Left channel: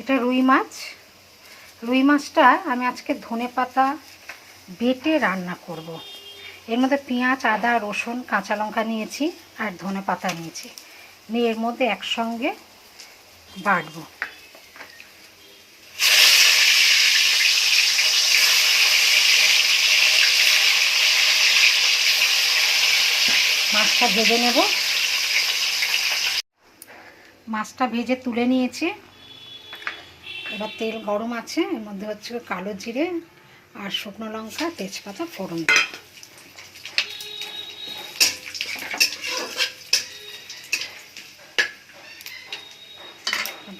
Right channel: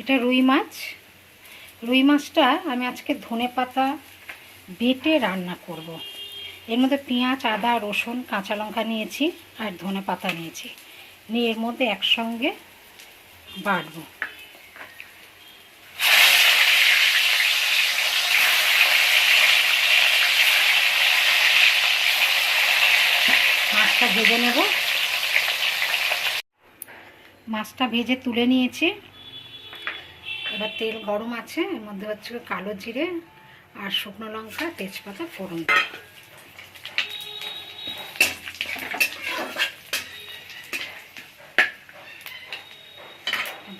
এটা রুই মাছ। রুই মাছটা আমি আজকে ধনেপাতা বেটে রান্না করব। এর মধ্যে পেঁয়াজ, আদা, রসুন, কাঁচা লঙ্কা নিয়েছি আর ধনেপাতা নিয়েছি, নিয়ে এর মধ্যে একসঙ্গে বাটবো। মাছটা ভেজে নেব। মাছটা ভেজে তুলে নিয়েছি। এবার তেল গরম আছে, এর মধ্যে হচ্ছে কালো জিরে আর শুকনো লঙ্কা, তেজপাতা ফোড়ন।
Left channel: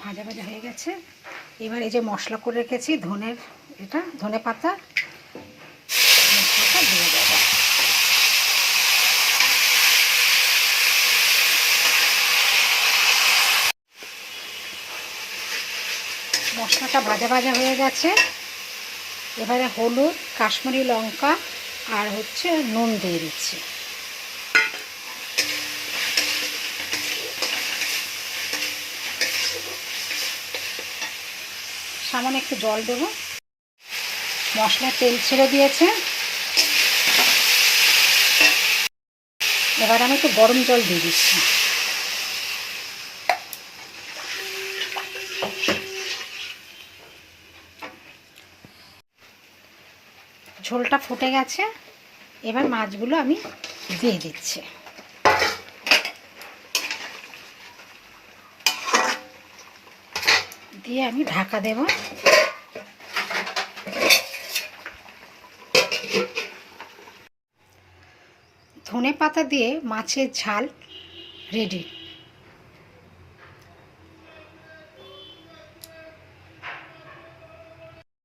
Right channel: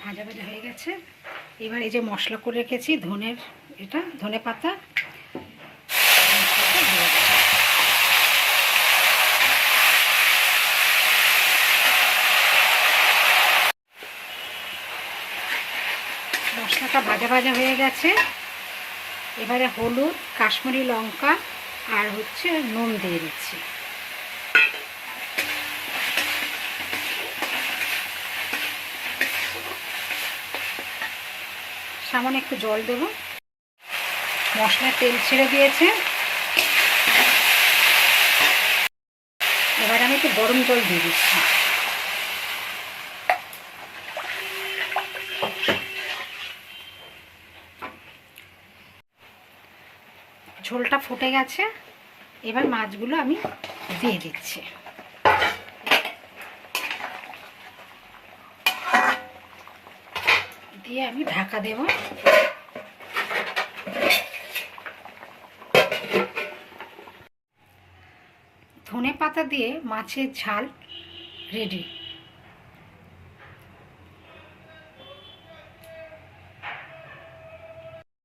ভাজা ভাজা হয়ে গেছে। এবার এই যে মশলা করে রেখেছি ধনের, এটা ধনে পাতা, মশলাটা দিয়ে দেবো। মশলাটা ভাজা ভাজা হয়ে গেছে। এবারে হলুদ, কাশ্মীরি লঙ্কা আর হচ্ছে নুন দিয়ে দিচ্ছি। সামান্য একটু জল দেবো। মশলা তেল ছেড়ে দিয়েছে। এবার আমি একটু গরম জল দিয়ে দিচ্ছি। ঝোলটা ফুটে গেছে। এবার মাছগুলো আমি দিয়ে দিচ্ছি। দিয়ে আমি ঢাকা দেব। ধনে পাতা দিয়ে মাছের ঝাল রেডি।